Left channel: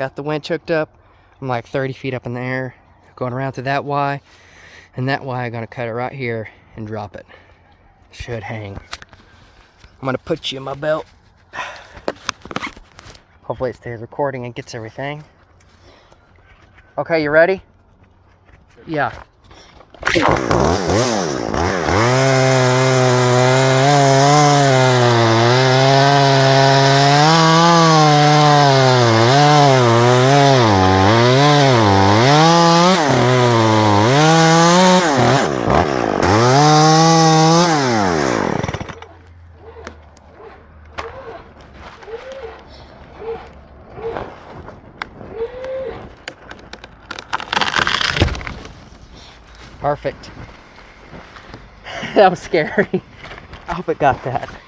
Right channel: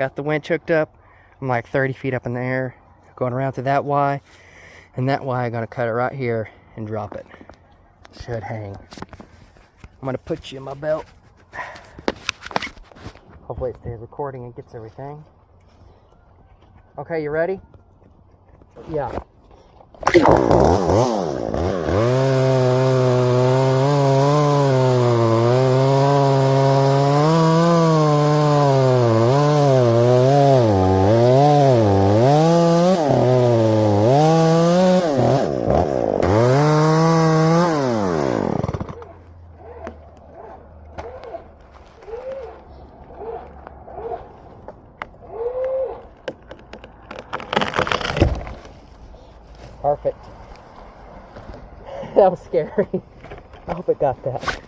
got the winch hooked up. I'm like 30 feet up in the air, going around through that Y, and that Y I'm gonna cut it right here and drop it. Should hang. I'm gonna put you in my belt. Hopefully it stays recording and gets everything. Okay, you ready? Yeah. Perfect. That was scary. I hope it got that.